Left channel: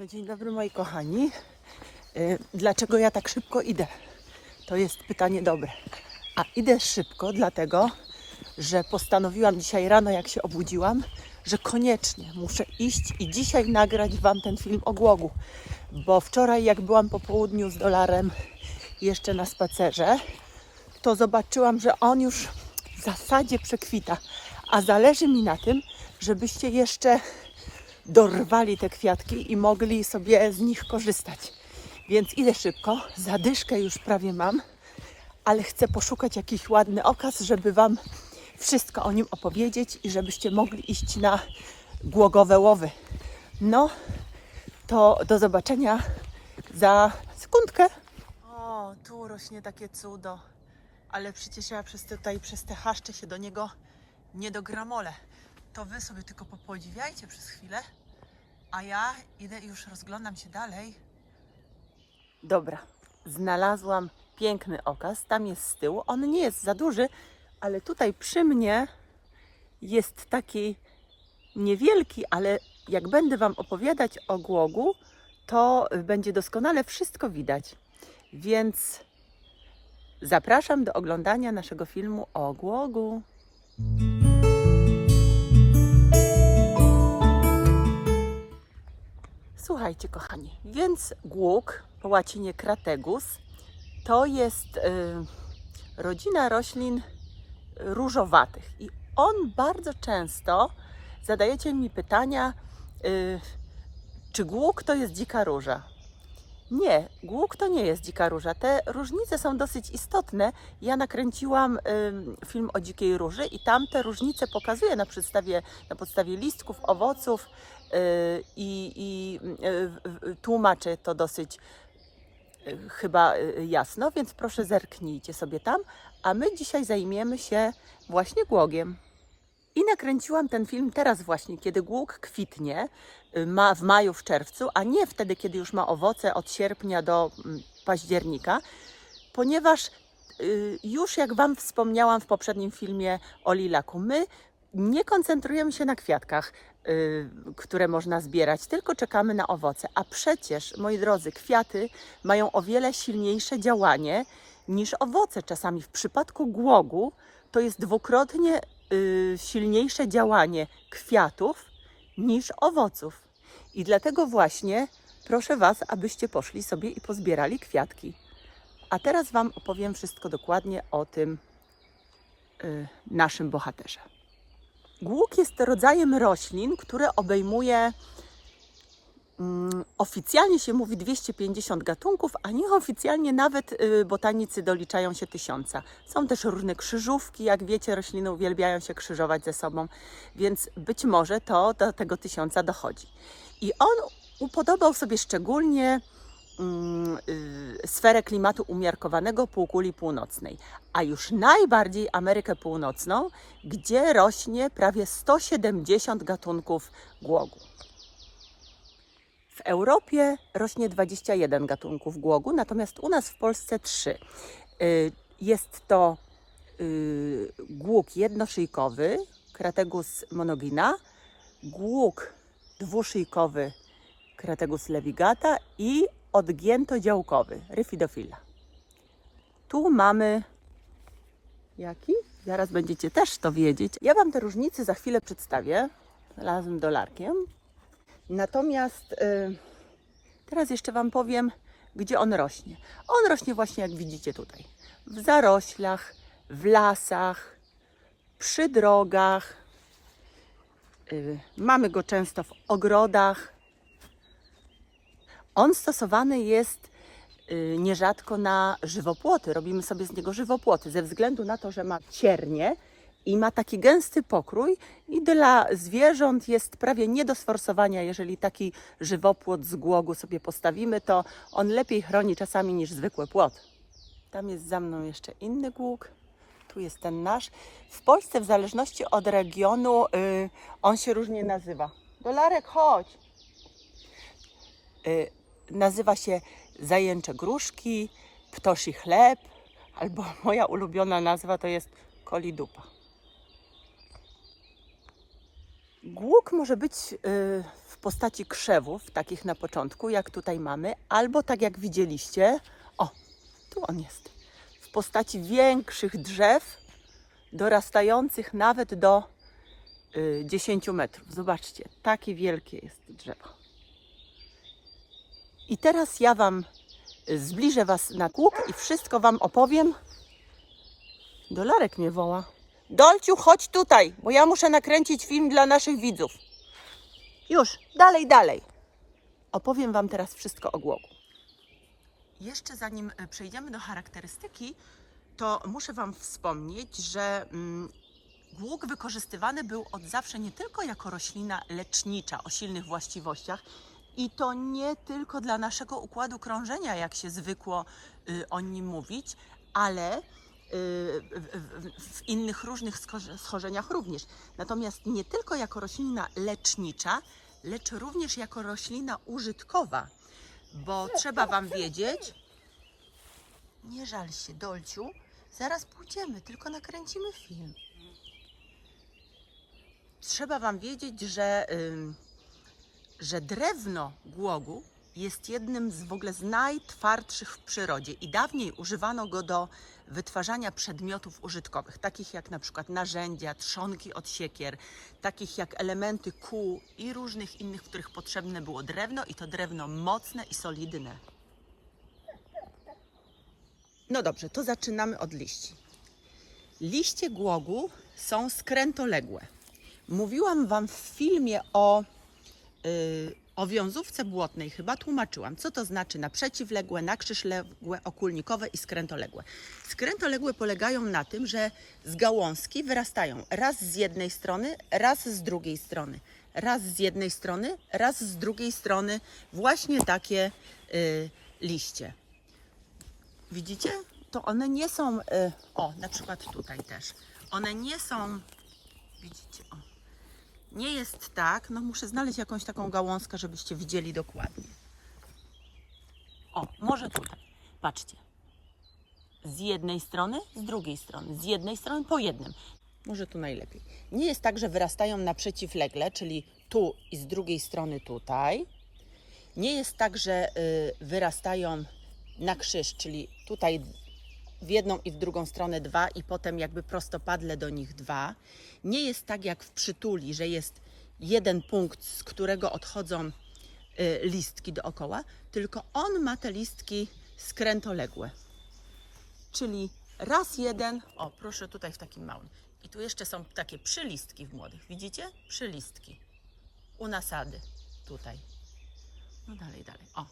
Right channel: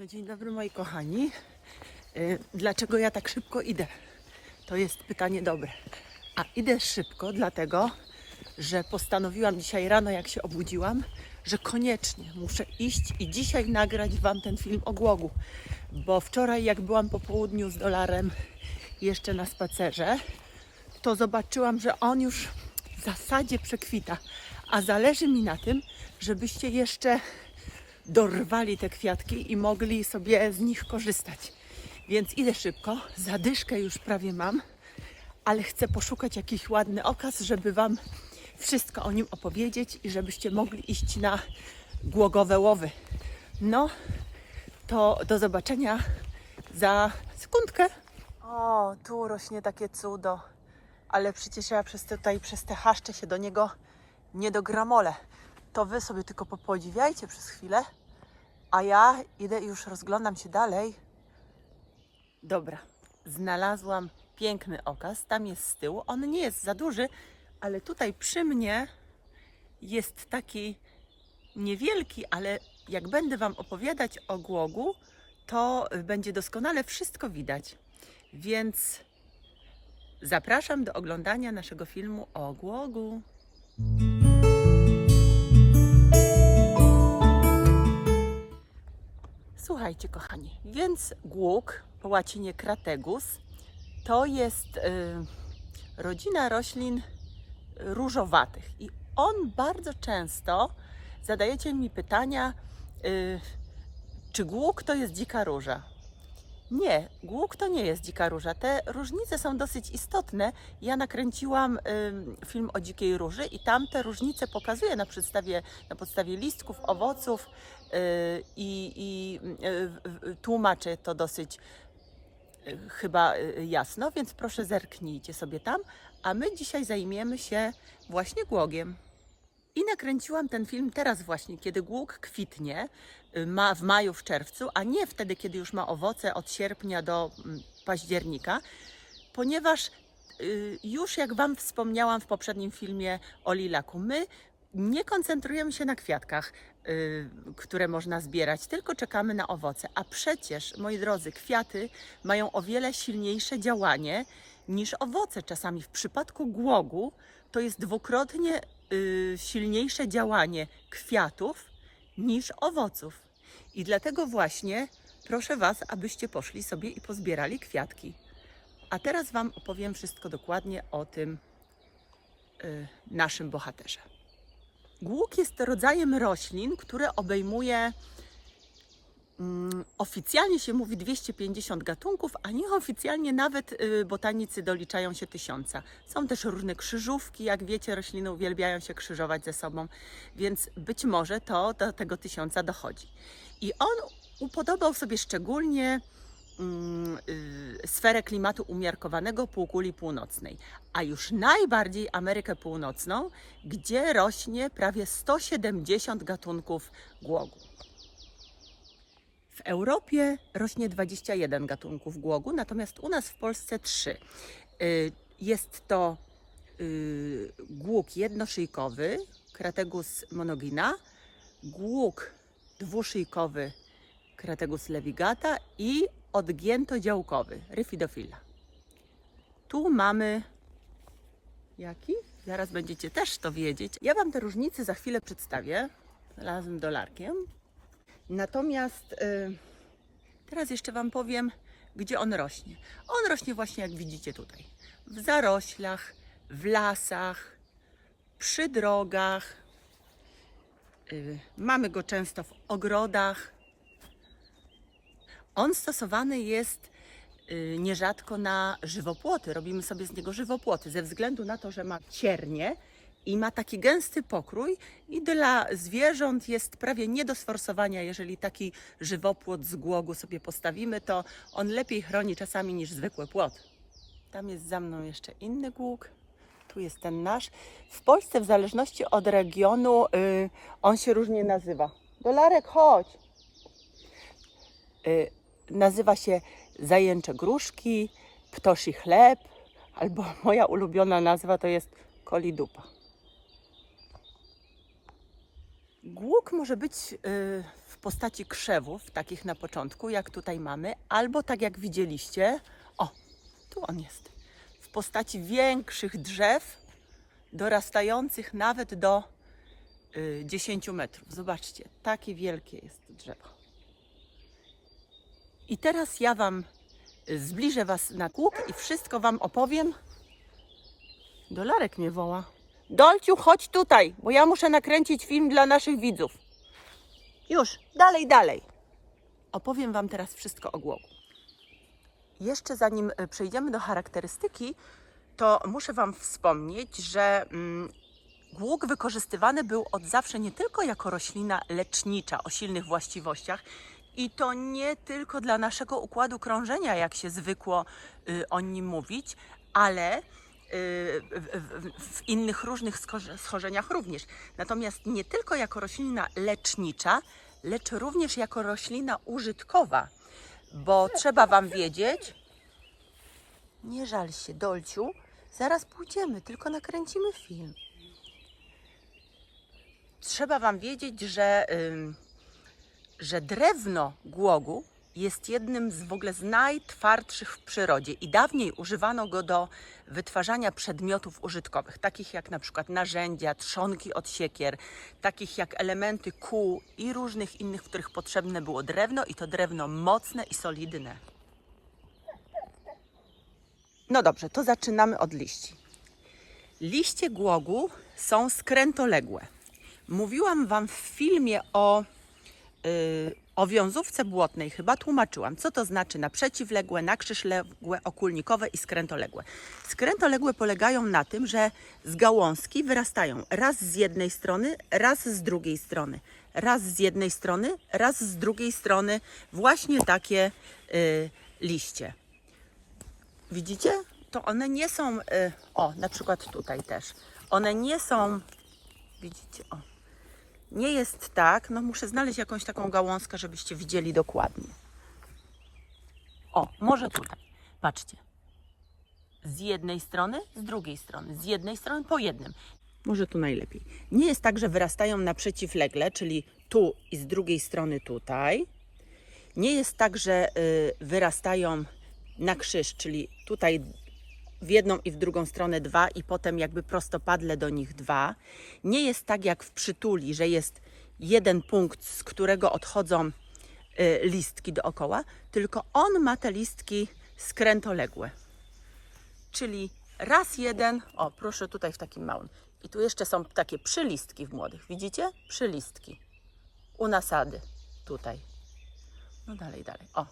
No dzień dobry moi kochani. Y, Dlaczego ja tak szybko idę? To jest pytanie dobre. A idę szybko dlatego, że postanowiłam dzisiaj rano, jak się obudziłam, że koniecznie muszę iść i dzisiaj nagrać Wam ten film o głogu. Bo wczoraj, jak byłam po południu z dolarem jeszcze na spacerze, to zobaczyłam, że on już w zasadzie przekwita. A zależy mi na tym, żebyście jeszcze dorwali te kwiatki i mogli sobie z nich korzystać. Więc idę szybko, zadyszkę już prawie mam, ale chcę poszukać jakiś ładny okaz, żeby Wam wszystko o nim opowiedzieć i żebyście mogli iść na głogowe łowy. No, to do zobaczenia za sekundkę. O, tu rośnie takie cudo, ale przecież ja przez tutaj, przez te chaszcze się do niego nie dogramolę. To Wy sobie tylko popodziwiajcie przez chwilę, a ja idę i już rozglądam się dalej. Dobra, znalazłam piękny okaz. Tam jest z tyłu. On nie jest za duży, ale tutaj przy mnie jest taki niewielki, ale jak będę Wam opowiadać o głogu, to będzie doskonale wszystko widać. Więc zapraszam do oglądania naszego filmu o głogu. Słuchajcie, kochani, więc głóg po łacinie Krategus to jest y, rodzina roślin różowatych i on bardzo często zadajecie mi pytania, y, czy głóg to jest dzika róża? Nie, głóg to nie jest dzika róża. Te różnice są dosyć istotne. Ja nakręciłam film o dzikiej róży i tam te różnice pokazuję na, podstawie, na podstawie listków, owoców yy, i, w- tłumaczę to dosyć yy, chyba jasno, więc proszę zerknijcie sobie tam. A my dzisiaj zajmiemy się właśnie głogiem. I nakręciłam ten film teraz właśnie, kiedy głóg kwitnie, y, ma w maju, w czerwcu, a nie wtedy, kiedy już ma owoce od sierpnia do mm, października, ponieważ y, już jak Wam wspomniałam w poprzednim filmie o lilaku, my nie koncentrujemy się na kwiatkach, y, które można zbierać, tylko czekamy na owoce. A przecież, moi drodzy, kwiaty mają o wiele silniejsze działanie niż owoce. Czasami w przypadku głogu to jest dwukrotnie y, silniejsze działanie kwiatów niż owoców. I dlatego właśnie proszę Was, abyście poszli sobie i pozbierali kwiatki. A teraz Wam opowiem wszystko dokładnie o tym y, naszym bohaterze. Głóg jest rodzajem roślin, które obejmuje oficjalnie się mówi 250 gatunków, a nieoficjalnie nawet y, botanicy doliczają się tysiąca. Są też różne krzyżówki, jak wiecie, rośliny uwielbiają się krzyżować ze sobą, więc być może to do tego tysiąca dochodzi. I on upodobał sobie szczególnie mm, y, sferę klimatu umiarkowanego półkuli północnej, a już najbardziej Amerykę Północną, gdzie rośnie prawie 170 gatunków głogu. W Europie rośnie 21 gatunków głogu, natomiast u nas w Polsce 3. Y, Jest to y, głóg jednoszyjkowy, Krategus monogina, głóg dwuszyjkowy, Krategus levigata i odgiętodziałkowy, Rhyphidophila. Tu mamy jaki? Zaraz będziecie też to wiedzieć. Ja Wam te różnice za chwilę przedstawię razem dolarkiem. Natomiast y, teraz jeszcze Wam powiem, gdzie on rośnie. On rośnie właśnie jak widzicie tutaj. W zaroślach, w lasach, przy drogach. Y, mamy go często w ogrodach. On stosowany jest y, nierzadko na żywopłoty. Robimy sobie z niego żywopłoty ze względu na to, że ma ciernie i ma taki gęsty pokrój i dla zwierząt jest prawie nie do sforsowania. Jeżeli taki żywopłot z głogu sobie postawimy, to on lepiej chroni czasami niż zwykły płot. Tam jest za mną jeszcze inny głóg. Tu jest ten nasz. W Polsce w zależności od regionu y, on się różnie nazywa. Dolarek, chodź! Y, nazywa się zajęcze gruszki, ptosi chleb, albo moja ulubiona nazwa to jest kolidupa. Głóg może być y, w postaci krzewów, takich na początku, jak tutaj mamy, albo tak jak widzieliście, o, tu on jest, w postaci większych drzew, dorastających nawet do y, 10 metrów. Zobaczcie, takie wielkie jest drzewo. I teraz ja Wam y, zbliżę Was na kółk i wszystko Wam opowiem. Dolarek mnie woła. Dolciu, chodź tutaj, bo ja muszę nakręcić film dla naszych widzów. Już, dalej, dalej. Opowiem Wam teraz wszystko o głogu. Jeszcze zanim y, przejdziemy do charakterystyki, to muszę Wam wspomnieć, że mm, głóg wykorzystywany był od zawsze nie tylko jako roślina lecznicza o silnych właściwościach, i to nie tylko dla naszego układu krążenia, jak się zwykło y, o nim mówić, ale w, innych różnych schorzeniach również. Natomiast nie tylko jako roślina lecznicza, lecz również jako roślina użytkowa, bo trzeba Wam wiedzieć, nie żal się, Dolciu, zaraz pójdziemy, tylko nakręcimy film. Trzeba Wam wiedzieć, że, że drewno głogu jest jednym z w ogóle z najtwardszych w przyrodzie i dawniej używano go do wytwarzania przedmiotów użytkowych, takich jak na przykład narzędzia, trzonki od siekier, takich jak elementy kół i różnych innych, w których potrzebne było drewno i to drewno mocne i solidne. No dobrze, to zaczynamy od liści. Liście głogu są skrętoległe. Mówiłam Wam w filmie o, yy, o wiązówce błotnej, chyba tłumaczyłam, co to znaczy na przeciwległe, na krzyżległe, okulnikowe i skrętoległe. Skrętoległe polegają na tym, że z gałązki wyrastają raz z jednej strony, raz z drugiej strony. Raz z jednej strony, raz z drugiej strony właśnie takie yy, liście. Widzicie? To one nie są, y, o, na przykład tutaj też. One nie są, widzicie, o. Nie jest tak, no muszę znaleźć jakąś taką gałązkę, żebyście widzieli dokładnie. O, może tutaj. Patrzcie. Z jednej strony, z drugiej strony. Z jednej strony po jednym. Może tu najlepiej. Nie jest tak, że wyrastają na przeciwlegle, czyli tu i z drugiej strony tutaj. Nie jest tak, że y, wyrastają na krzyż, czyli tutaj w jedną i w drugą stronę dwa i potem jakby prostopadle do nich dwa. Nie jest tak jak w przytuli, że jest jeden punkt, z którego odchodzą y, listki dookoła, tylko on ma te listki skrętoległe. Czyli raz jeden, o proszę tutaj w takim małym. I tu jeszcze są takie przylistki w młodych. Widzicie? Przylistki. U nasady. Tutaj. No dalej, dalej. O,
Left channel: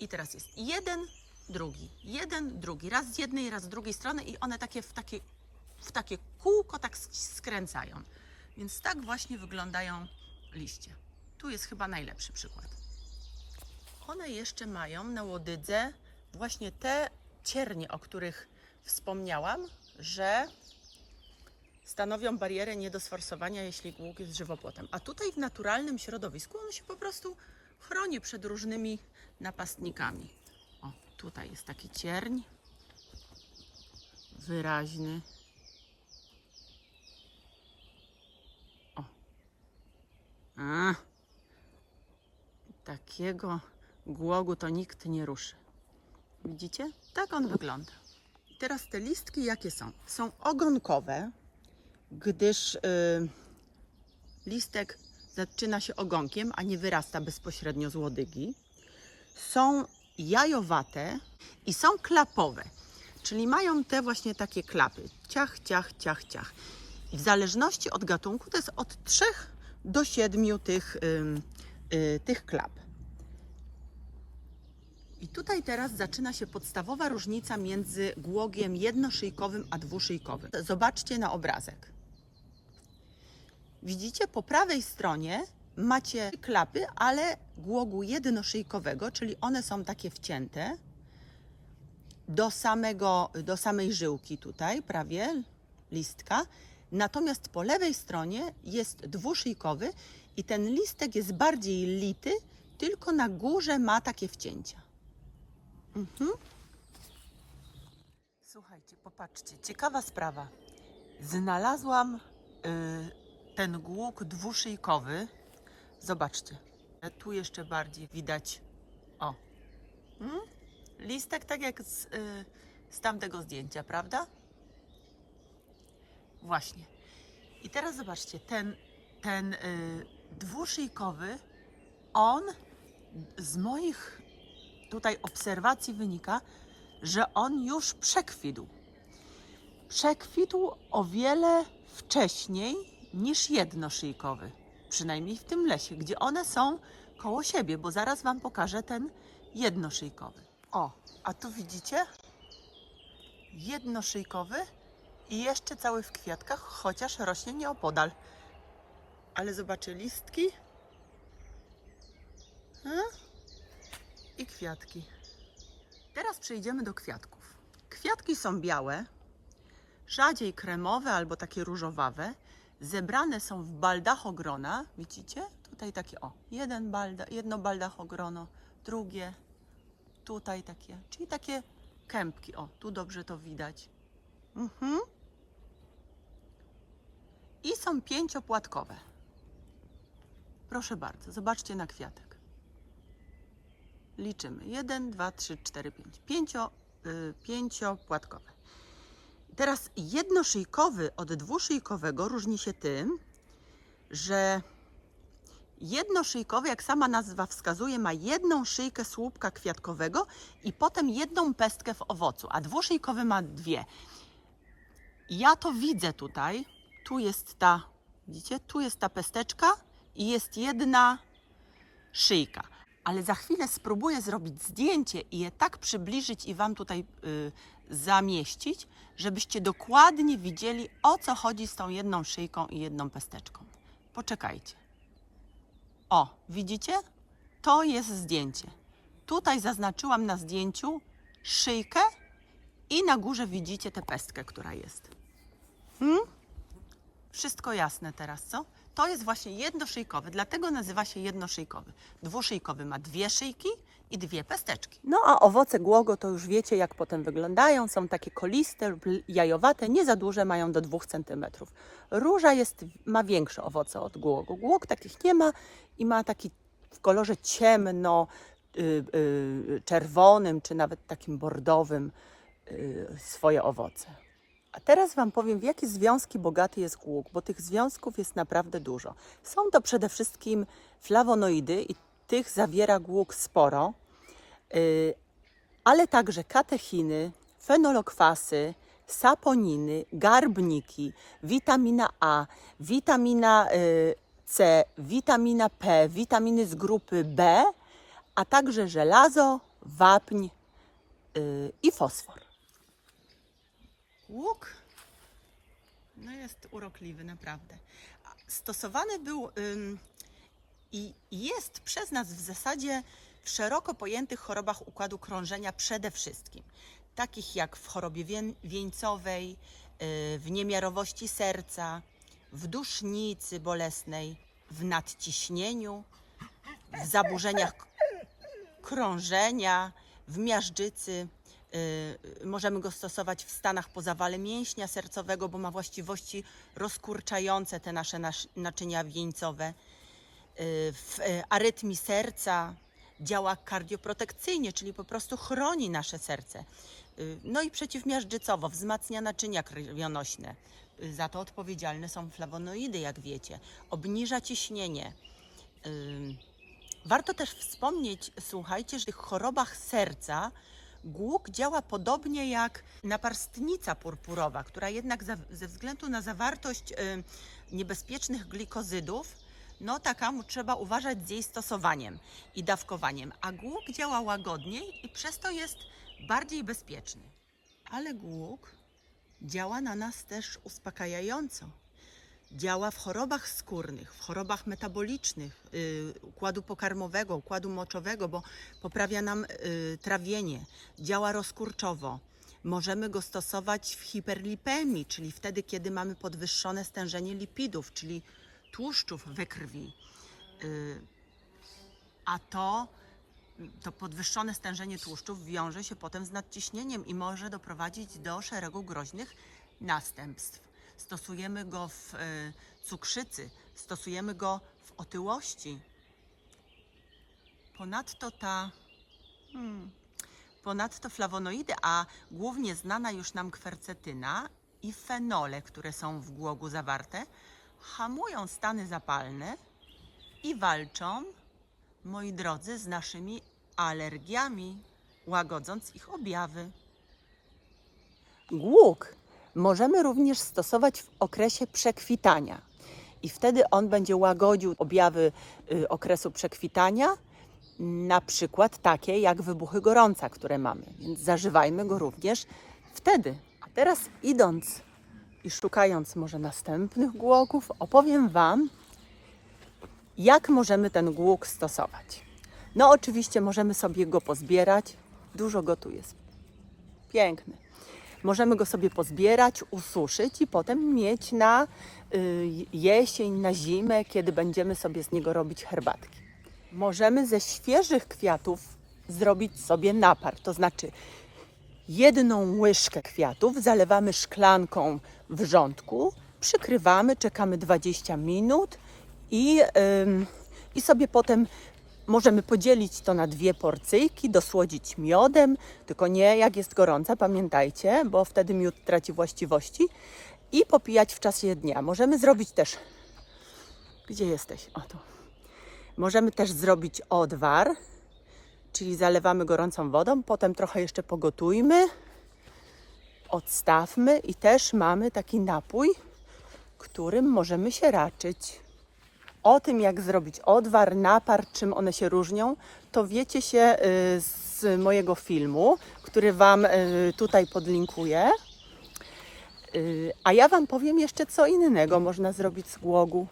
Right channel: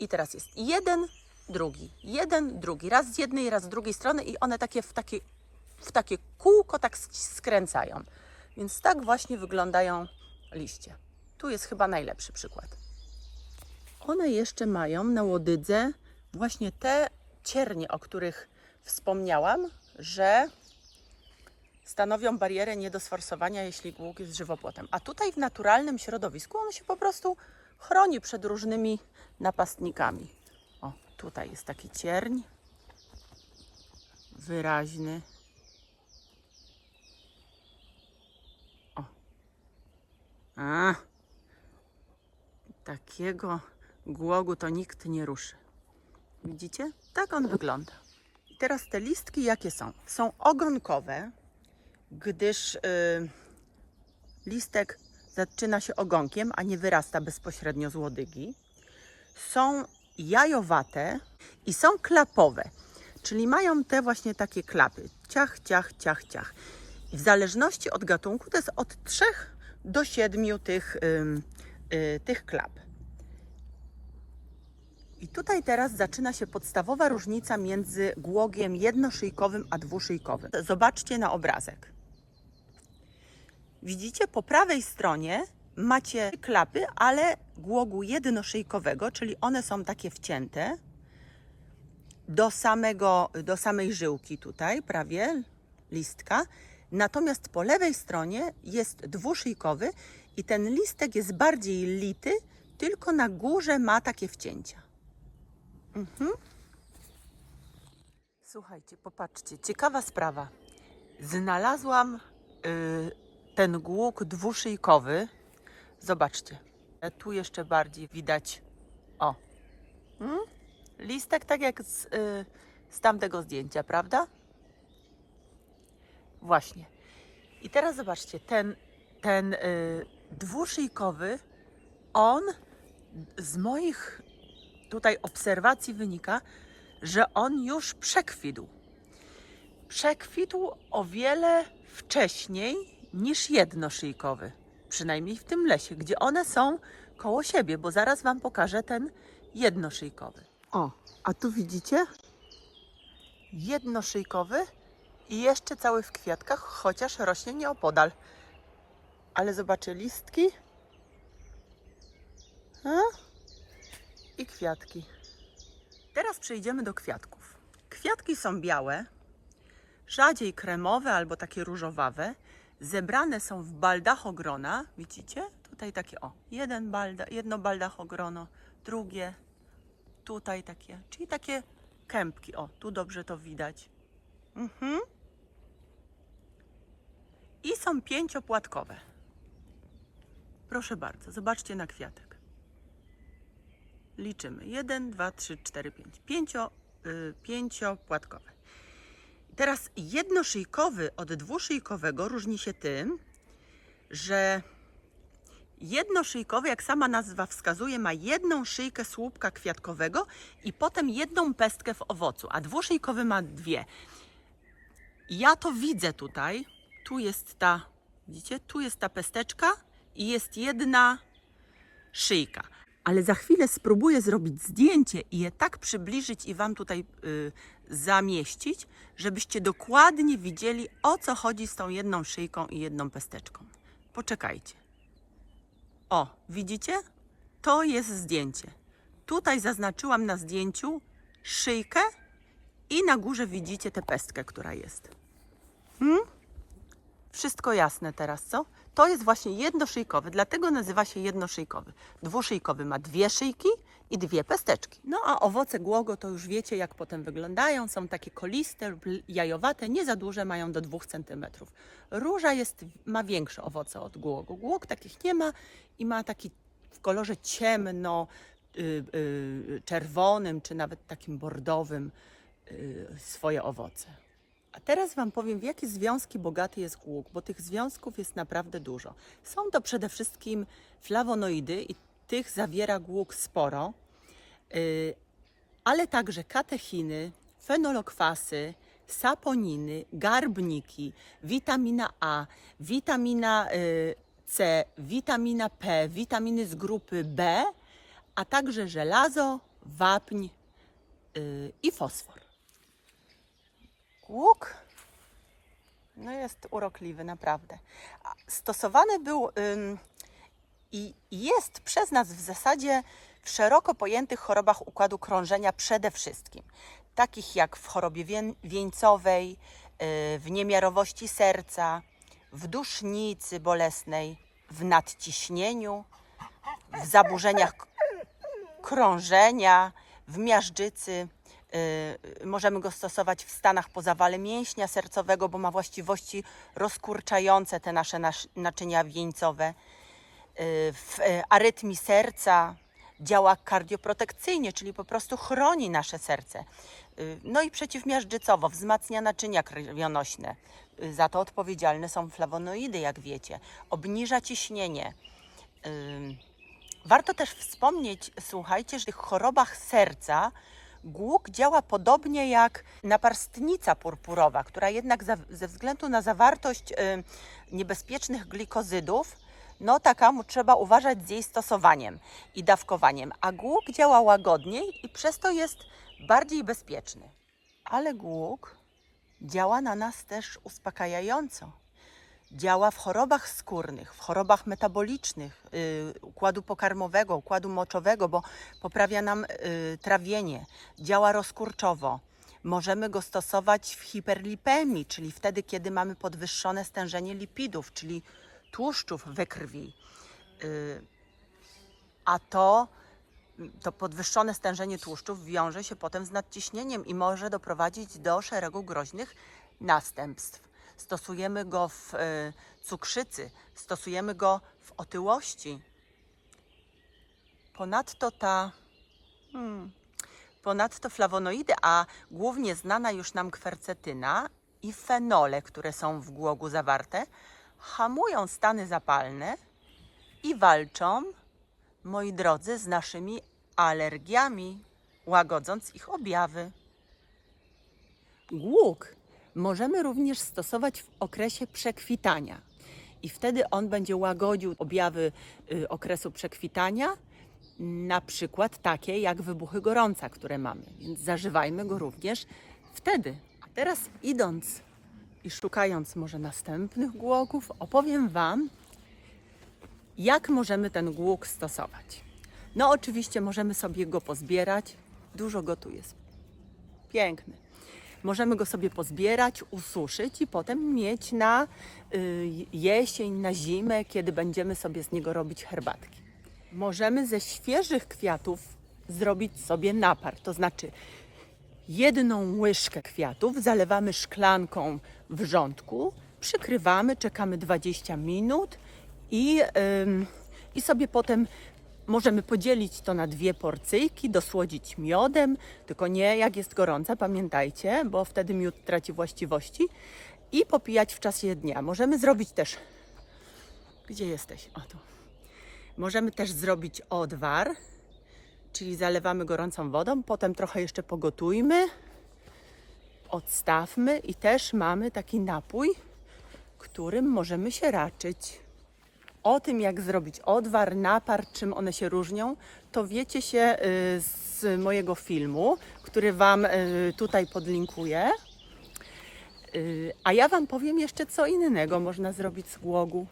i teraz jest jeden, drugi, jeden, drugi, raz z jednej, raz z drugiej strony i one takie w takie, w takie kółko tak sk- skręcają. Więc tak właśnie wyglądają liście. Tu jest chyba najlepszy przykład. One jeszcze mają na łodydze właśnie te ciernie, o których wspomniałam, że stanowią barierę nie do sforsowania, jeśli głóg jest żywopłotem. A tutaj w naturalnym środowisku on się po prostu chroni przed różnymi napastnikami. Tutaj jest taki cierń. Wyraźny. O. A. Takiego głogu to nikt nie ruszy. Widzicie? Tak on wygląda. Teraz te listki jakie są? Są ogonkowe, gdyż y, listek zaczyna się ogonkiem, a nie wyrasta bezpośrednio z łodygi. Są jajowate i są klapowe, czyli mają te właśnie takie klapy. Ciach, ciach, ciach, ciach. W zależności od gatunku to jest od 3 do 7 tych, ym, y, tych klap. I tutaj teraz zaczyna się podstawowa różnica między głogiem jednoszyjkowym a dwuszyjkowym. Zobaczcie na obrazek. Widzicie, po prawej stronie macie klapy, ale głogu jednoszyjkowego, czyli one są takie wcięte do, samego, do samej żyłki tutaj, prawie listka. Natomiast po lewej stronie jest dwuszyjkowy i ten listek jest bardziej lity, tylko na górze ma takie wcięcia. Mhm. Słuchajcie, popatrzcie, ciekawa sprawa. Znalazłam y, ten głóg dwuszyjkowy Zobaczcie. E, Tu jeszcze bardziej widać. O. Mm? Listek tak jak z, y, z tamtego zdjęcia, prawda? Właśnie. I teraz zobaczcie, ten, ten y, dwuszyjkowy, on z moich tutaj obserwacji wynika, że on już przekwitł. Przekwitł o wiele wcześniej niż jednoszyjkowy. Przynajmniej w tym lesie, gdzie one są koło siebie, bo zaraz Wam pokażę ten jednoszyjkowy. O, a tu widzicie? Jednoszyjkowy i jeszcze cały w kwiatkach, chociaż rośnie nieopodal. Ale zobaczę listki. A? I kwiatki. Teraz przejdziemy do kwiatków. Kwiatki są białe, rzadziej kremowe albo takie różowawe. Zebrane są w baldachogrona. Widzicie? Tutaj takie o, jeden balda, jedno baldachogrono, drugie, tutaj takie, czyli takie kępki. O, tu dobrze to widać. Mhm. I są pięciopłatkowe. Proszę bardzo, zobaczcie na kwiatek. Liczymy. 1, 2, 3, 4, 5. Pięcio, y, pięciopłatkowe. Teraz jednoszyjkowy od dwuszyjkowego różni się tym, że jednoszyjkowy, jak sama nazwa wskazuje, ma jedną szyjkę słupka kwiatkowego i potem jedną pestkę w owocu, a dwuszyjkowy ma dwie. Ja to widzę tutaj. Tu jest ta, widzicie, tu jest ta pesteczka i jest jedna szyjka. Ale za chwilę spróbuję zrobić zdjęcie i je tak przybliżyć i Wam tutaj y, zamieścić, żebyście dokładnie widzieli, o co chodzi z tą jedną szyjką i jedną pesteczką. Poczekajcie. O, widzicie? To jest zdjęcie. Tutaj zaznaczyłam na zdjęciu szyjkę i na górze widzicie tę pestkę, która jest. Hmm? Wszystko jasne teraz, co? To jest właśnie jednoszyjkowy, dlatego nazywa się jednoszyjkowy. Dwuszyjkowy ma dwie szyjki i dwie pesteczki. No a owoce głogo to już wiecie, jak potem wyglądają. Są takie koliste lub jajowate, nie za duże, mają do 2 cm. Róża jest, ma większe owoce od głogu. Głog takich nie ma i ma taki w kolorze ciemno, y, y, czerwonym, czy nawet takim bordowym y, swoje owoce. A teraz Wam powiem, w jakie związki bogaty jest głuk, bo tych związków jest naprawdę dużo. Są to przede wszystkim flawonoidy i tych zawiera głuk sporo, yy, ale także katechiny, fenolokwasy, saponiny, garbniki, witamina A, witamina yy, C, witamina P, witaminy z grupy B, a także żelazo, wapń yy, i fosfor. Łuk no jest urokliwy, naprawdę. Stosowany był ym, i jest przez nas w zasadzie w szeroko pojętych chorobach układu krążenia przede wszystkim. Takich jak w chorobie wień- wieńcowej, yy, w niemiarowości serca, w dusznicy bolesnej, w nadciśnieniu, w zaburzeniach krążenia, w miażdżycy. Y, Możemy go stosować w stanach po zawale mięśnia sercowego, bo ma właściwości rozkurczające te nasze nasz- naczynia wieńcowe. Y, W y, arytmii serca działa kardioprotekcyjnie, czyli po prostu chroni nasze serce. Y, No i przeciwmiażdżycowo wzmacnia naczynia krwionośne. Za to odpowiedzialne są flawonoidy, jak wiecie. Obniża ciśnienie. Warto też wspomnieć, słuchajcie, że w tych chorobach serca głuk działa podobnie jak naparstnica purpurowa, która jednak ze względu na zawartość niebezpiecznych glikozydów, no taka mu trzeba uważać z jej stosowaniem i dawkowaniem. A głuk działa łagodniej i przez to jest bardziej bezpieczny. Ale głuk działa na nas też uspokajająco działa w chorobach skórnych, w chorobach metabolicznych, y, układu pokarmowego, układu moczowego, bo poprawia nam y, trawienie, działa rozkurczowo. Możemy go stosować w hiperlipemii, czyli wtedy, kiedy mamy podwyższone stężenie lipidów, czyli tłuszczów we krwi. Y, a to, to podwyższone stężenie tłuszczów wiąże się potem z nadciśnieniem i może doprowadzić do szeregu groźnych następstw. Stosujemy go w e, cukrzycy, stosujemy go w otyłości. Ponadto ta hmm, ponadto flawonoidy, a głównie znana już nam kwercetyna i fenole, które są w głogu zawarte, hamują stany zapalne i walczą, moi drodzy, z naszymi alergiami, łagodząc ich objawy. Głóg możemy również stosować w okresie przekwitania i wtedy on będzie łagodził objawy y, okresu przekwitania, na przykład takie jak wybuchy gorąca, które mamy, więc zażywajmy go również wtedy. A teraz idąc i szukając może następnych głogów, opowiem Wam, jak możemy ten głóg stosować. No oczywiście możemy sobie go pozbierać, dużo go tu jest, piękny. Możemy go sobie pozbierać, ususzyć i potem mieć na y, jesień, na zimę, kiedy będziemy sobie z niego robić herbatki. Możemy ze świeżych kwiatów zrobić sobie napar, to znaczy jedną łyżkę kwiatów zalewamy szklanką wrzątku, przykrywamy, czekamy 20 minut i, i sobie potem możemy podzielić to na dwie porcyjki, dosłodzić miodem, tylko nie jak jest gorąca, pamiętajcie, bo wtedy miód traci właściwości i popijać w czasie dnia. Możemy zrobić też. Gdzie jesteś? O tu. Możemy też zrobić odwar, czyli zalewamy gorącą wodą, potem trochę jeszcze pogotujmy, odstawmy i też mamy taki napój, którym możemy się raczyć. O tym, jak zrobić odwar, napar, czym one się różnią, to wiecie się y, z mojego filmu, który Wam y, tutaj podlinkuję. Y, A ja Wam powiem jeszcze, co innego można zrobić z głogu,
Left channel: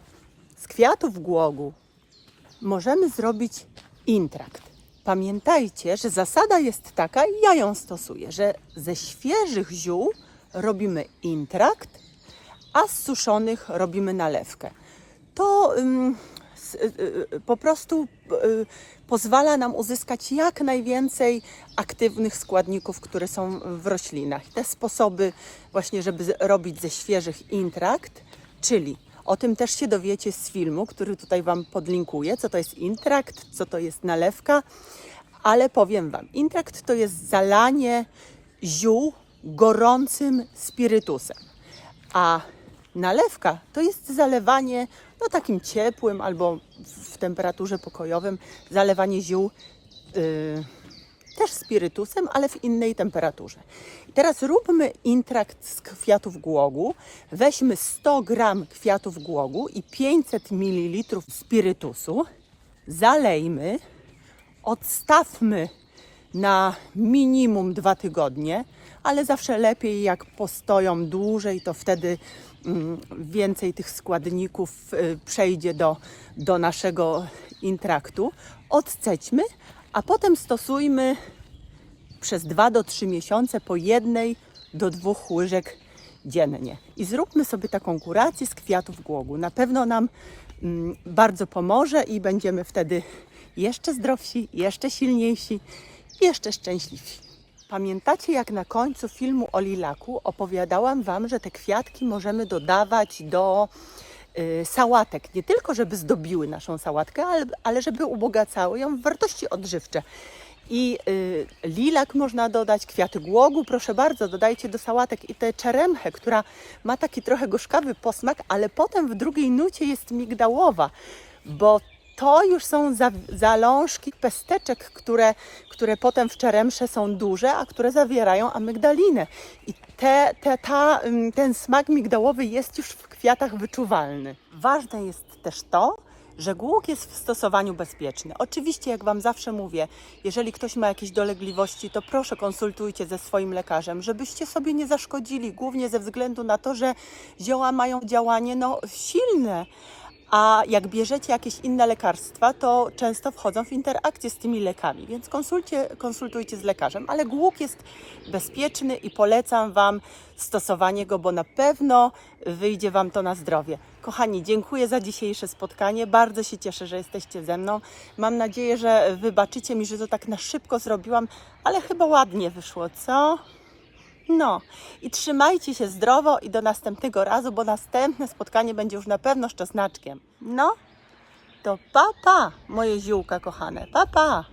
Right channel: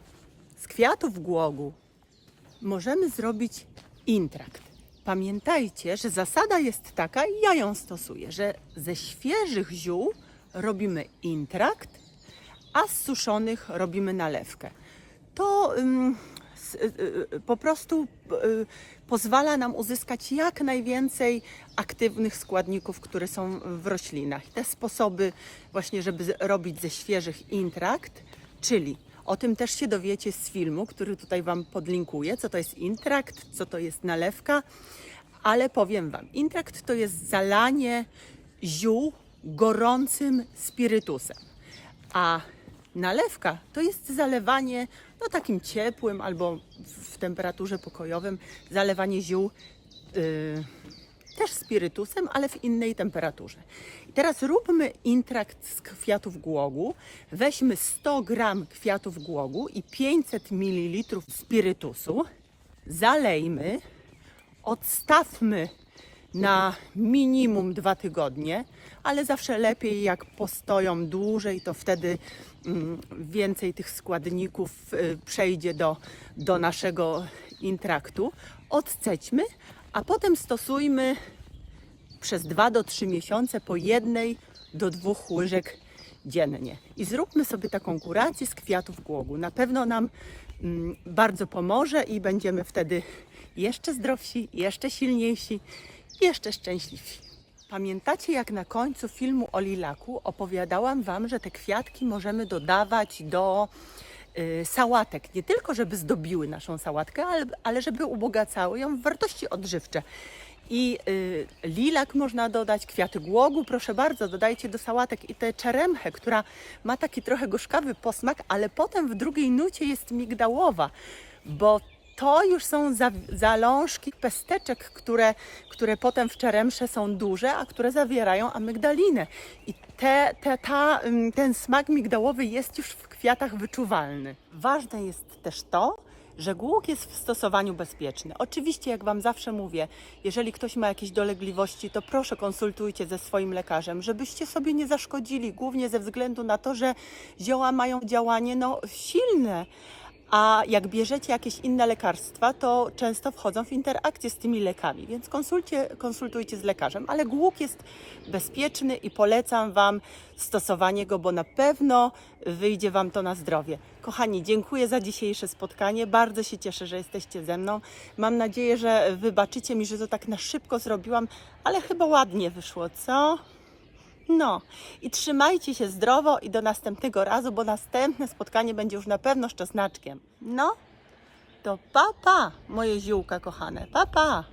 z kwiatów głogu możemy zrobić intrakt. Pamiętajcie, że zasada jest taka, i ja ją stosuję, że ze świeżych ziół robimy intrakt, a z suszonych robimy nalewkę. To ym, s- y, y, po prostu y, pozwala nam uzyskać jak najwięcej aktywnych składników, które są w roślinach. Te sposoby właśnie, żeby robić ze świeżych intrakt, czyli o tym też się dowiecie z filmu, który tutaj Wam podlinkuję, co to jest intrakt, co to jest nalewka, ale powiem Wam, intrakt to jest zalanie ziół gorącym spirytusem, a nalewka to jest zalewanie no takim ciepłym albo w temperaturze pokojowym, zalewanie ziół yy, też spirytusem, ale w innej temperaturze. Teraz róbmy intrakt z kwiatów głogu. Weźmy 100 gram kwiatów głogu i 500 ml spirytusu. Zalejmy, odstawmy na minimum dwa tygodnie, ale zawsze lepiej jak postoją dłużej, to wtedy mm, więcej tych składników y, przejdzie do, do naszego intraktu. Odcećmy, a potem stosujmy przez 2 do 3 miesiące po jednej do dwóch łyżek dziennie. I zróbmy sobie taką kurację z kwiatów głogu. Na pewno nam mm, bardzo pomoże i będziemy wtedy jeszcze zdrowsi, jeszcze silniejsi, jeszcze szczęśliwsi. Pamiętacie, jak na końcu filmu o lilaku opowiadałam Wam, że te kwiatki możemy dodawać do y, sałatek. Nie tylko, żeby zdobiły naszą sałatkę, ale, ale żeby ubogacały ją w wartości odżywcze. I y, lilak można dodać, kwiaty głogu, proszę bardzo, dodajcie do sałatek i tę czeremchę, która ma taki trochę gorzkawy posmak, ale potem w drugiej nucie jest migdałowa, bo to już są za, zalążki pesteczek, które, które potem w czeremsze są duże, a które zawierają amygdalinę. I te, te, ta, ym, ten smak migdałowy jest już w kwiatach wyczuwalny. Ważne jest też to, że głóg jest w stosowaniu bezpieczny. Oczywiście, jak Wam zawsze mówię, jeżeli ktoś ma jakieś dolegliwości, to proszę konsultujcie ze swoim lekarzem, żebyście sobie nie zaszkodzili, głównie ze względu na to, że zioła mają działanie no, silne. A jak bierzecie jakieś inne lekarstwa, to często wchodzą w interakcję z tymi lekami, więc konsultujcie z lekarzem. Ale głóg jest bezpieczny i polecam Wam stosowanie go, bo na pewno wyjdzie Wam to na zdrowie. Kochani, dziękuję za dzisiejsze spotkanie. Bardzo się cieszę, że jesteście ze mną. Mam nadzieję, że wybaczycie mi, że to tak na szybko zrobiłam, ale chyba ładnie wyszło, co? No i trzymajcie się zdrowo i do następnego razu, bo następne spotkanie będzie już na pewno z. No, to pa pa, moje ziółka kochane, pa pa.